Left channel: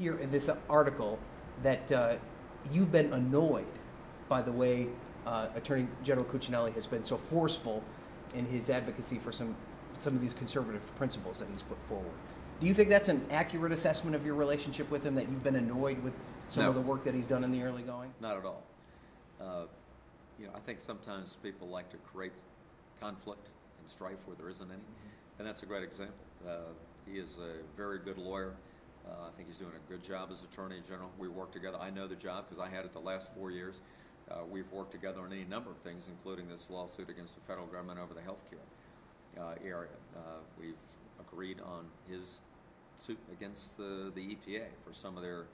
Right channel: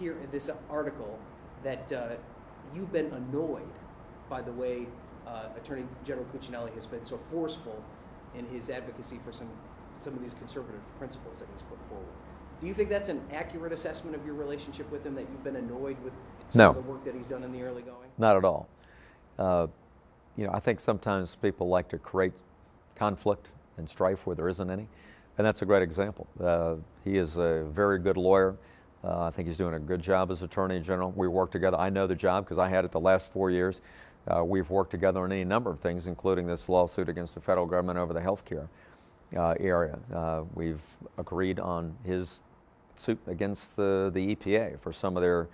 here in this article that you've been annoyed by the way Attorney General Cuccinelli has been so forceful in his advocacy for some of these conservative principles that he's put forward. Do you think that's an accurate assessment of your relationship with him, that you've been annoyed with some of the work that he's done in the early going? Not at all. I think sometimes people like to create conflict and strife where there isn't any, and that's a great example. He is a very good lawyer. I think he's doing a good job as Attorney General. We work together. I know the job because I had it the last 4 years. We've worked together on any number of things, including this lawsuit against the federal government over the health care area. We've agreed on his suit against the EPA for some of their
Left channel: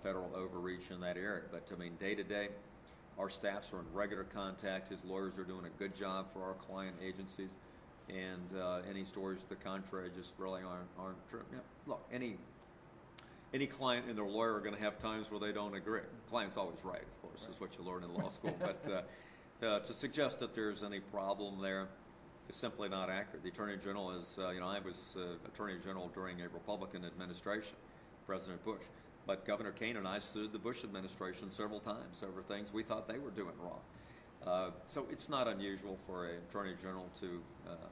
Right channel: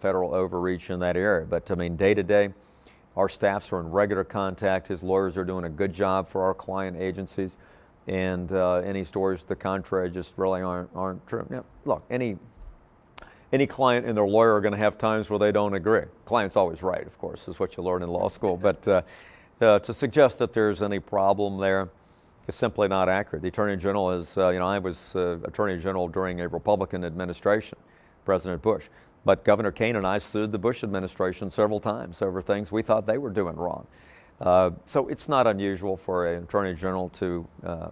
federal overreach in that area. But I mean, day to day, our staffs are in regular contact. His lawyers are doing a good job for our client agencies, and any stories to the contrary just really aren't true. Look, any client and their lawyer are going to have times where they don't agree. Client's always right, of course, is what you learn in law school. But to suggest that there's any problem there is simply not accurate. The Attorney General is, I was Attorney General during a Republican administration, President Bush. But Governor Kane and I sued the Bush administration several times over things we thought they were doing wrong. So it's not unusual for an Attorney General to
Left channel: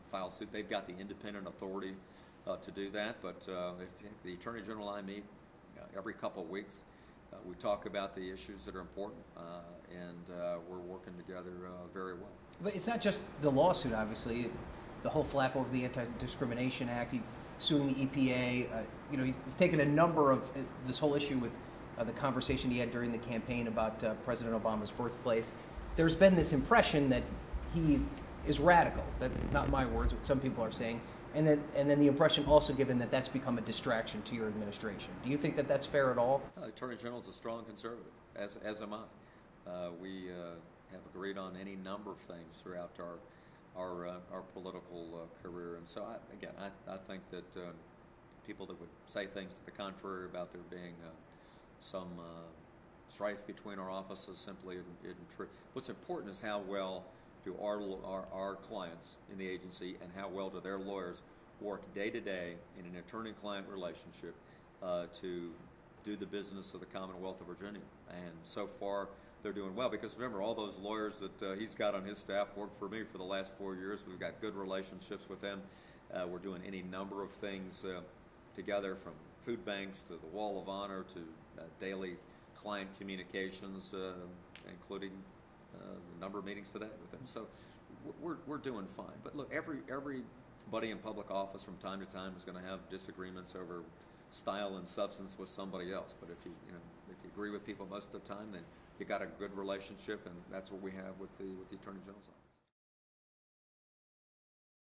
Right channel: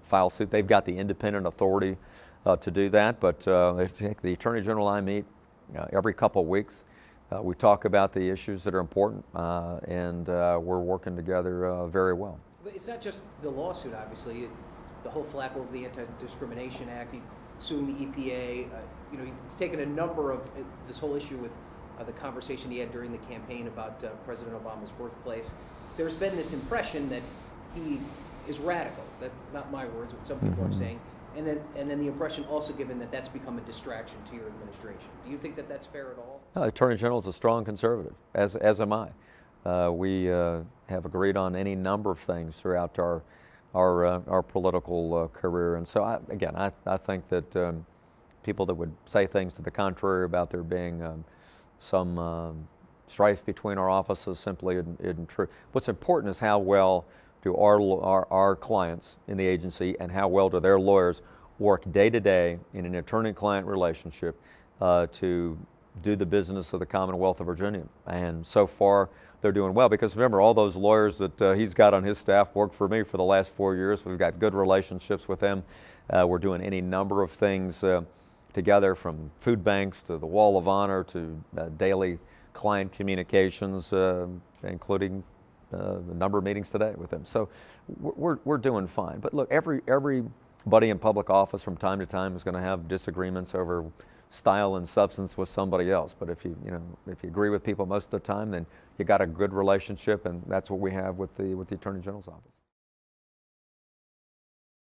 file suit. They've got the independent authority to do that. But the Attorney General and I meet every couple of weeks. We talk about the issues that are important, and we're working together very well. But it's not just the lawsuit, obviously. The whole flap over the Anti-Discrimination Act, suing the EPA. He's taken a number of this whole issue with the conversation he had during the campaign about President Obama's birthplace. There's been this impression that he is radical. That's not my words, what some people are saying. And then the impression also given that that's become a distraction to your administration. Do you think that that's fair at all? The Attorney General is a strong conservative, as am I. We have agreed on any number of things throughout our political career, and so I think that people that would say things to the contrary about there being some strife between our offices simply isn't true. What's important is how well do our clients in the agency and how well do their lawyers work day to day in an attorney-client relationship to do the business of the Commonwealth of Virginia. And so far, they're doing well, because remember, all those lawyers that he's got on his staff worked for me for the last 4 years. We've got good relationships with them. We're doing any number of things together, from food banks to the Wall of Honor to daily client communications, including the number of meetings today with them. So we're doing fine. But look, everybody in public office from time to time is going to have disagreements over style and substance with somebody else. But if you agree with people most of the time, then you got a good relationship, and that's what we have with the Attorney General's office.